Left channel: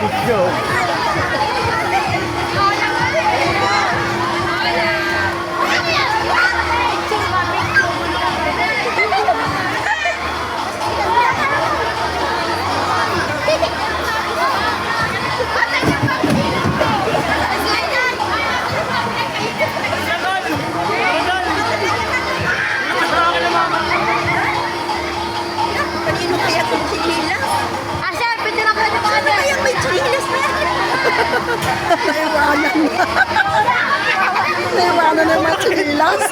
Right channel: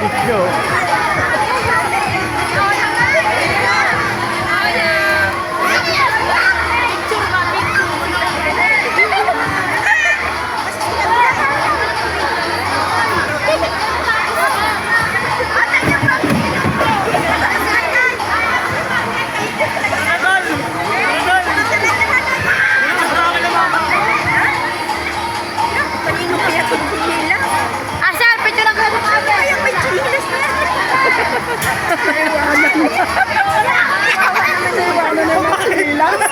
Video. Naiwanan na. Naiwanan na yung mga chinilas.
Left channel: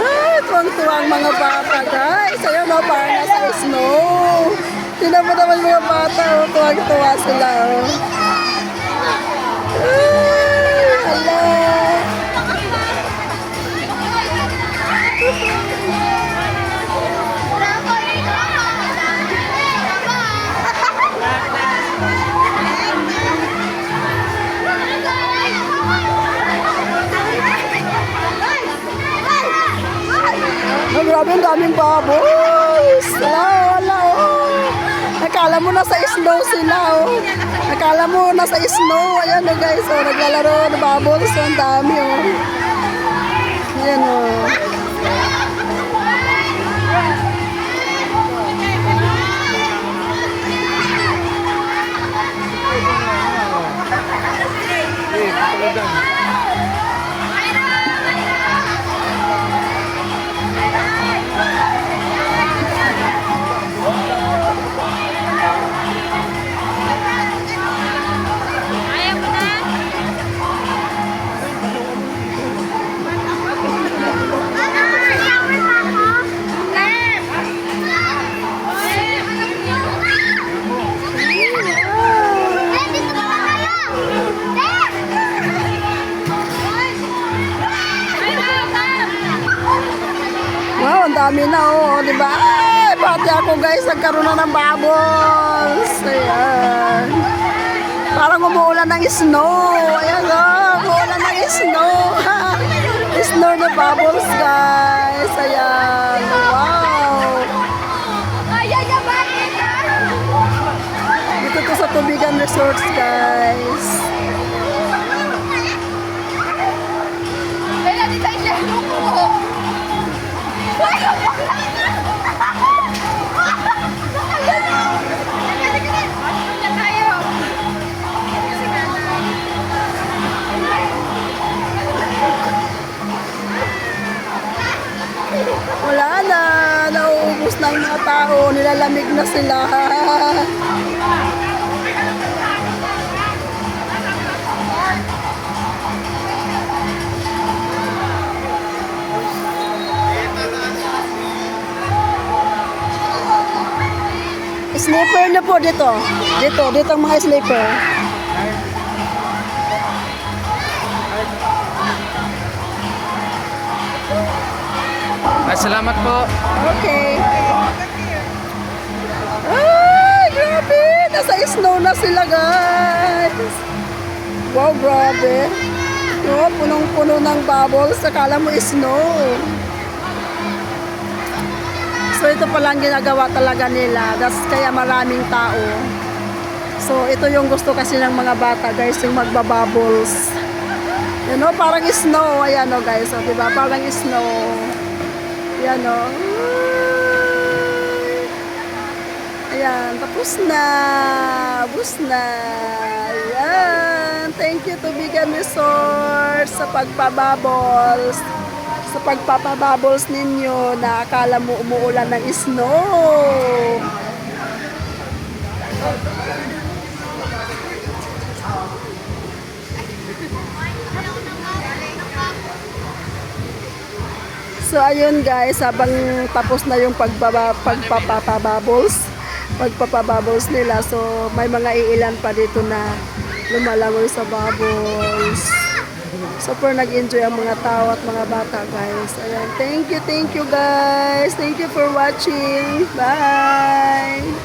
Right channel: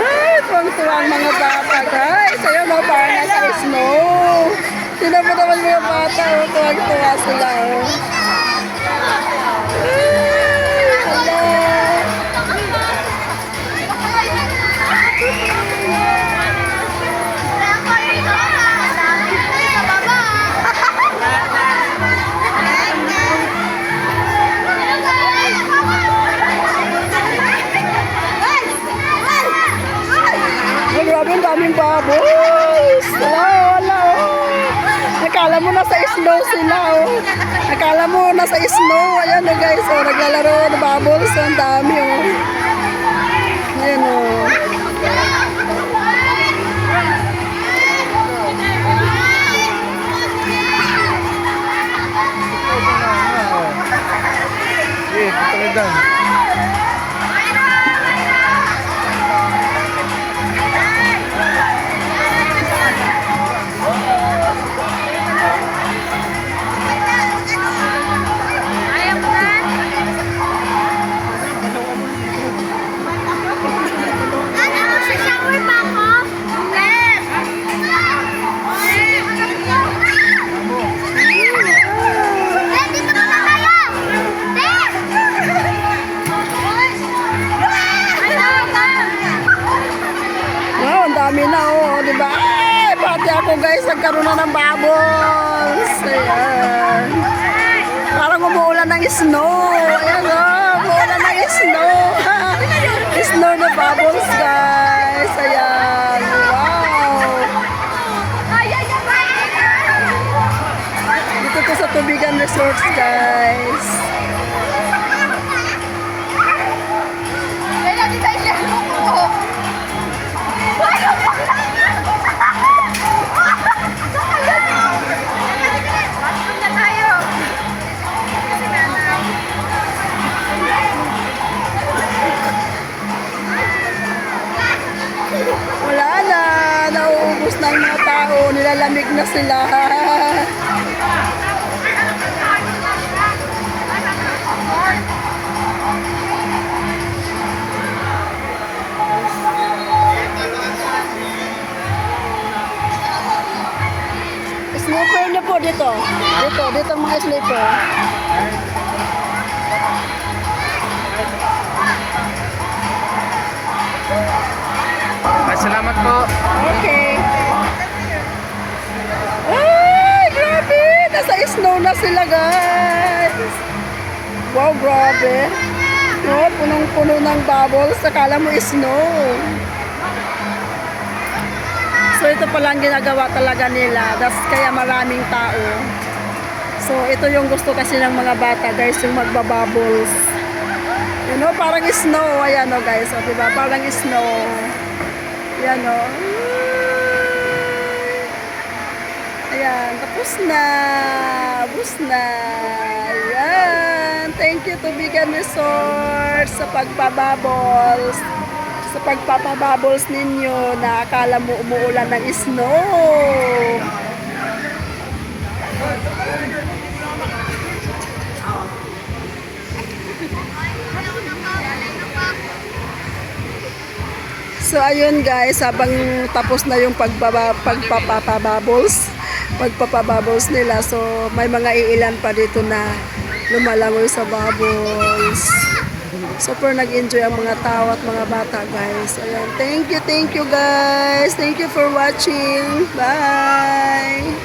Ay, tuwang-tuwa ang mga bata, guys. Ayun, no, parang nasa snow. Tingnan mo naman mga bata, oh. Tuwang-tuwa sila, oh. Ay, hello. Oh, grabe, ang daming bubbles. Wala, oh. Nakala mo nasa snow sila, oh. Nakala mo nasa snow. Ayan, oh, guys, oh, naglalaro ng bubbles. Ang dami, oh. Ayan, oh. Wow, ang dami na, oh, di ba? Ay, pati ako, guys, nagkaroon na ng bubbles. Ayan. Parang umuulan ng snow. Ayan, oh, umuulan ng snow. Snow na bubbles, guys. Ayan. Wow. Dito to sa Tubigan Resorts, guys. Kaya di tayo siya luko. Wala na, nauubos na ang mga tao, nilalamig na sila. Sleeper na po dito. Dito ang mga sleeper. Salamat po. Okay. Ay, grabe! Nasa snow na sila, guys. Wow, grabe. No, punong-puno ng bubbles. Akala mo snow. So, ito palang ginagawa talaga nila. That's kaya maraming tao. So, ito yung gusto kasi ng mga bata, guys, yung magbabubbles. You know, parang snow. Ayan, o, guys. O, diba? Parang snow. Ayan, o. Ayan, tapos na. Tapos na. Ayan. Thank you, Tubigan Resort, sa pagpabubbles. Sa pagpapabubbles ninyo na akala mo umuulan ng snow. So ayun, guys, habang tapos na yung pagpapabubbles nila, so may mga iilan pa dito na lumalangoy sa bubbles. Super nag-enjoy ang mga tao at mga bata, guys. Ayan, thank you guys. Thank you for watching. Bye.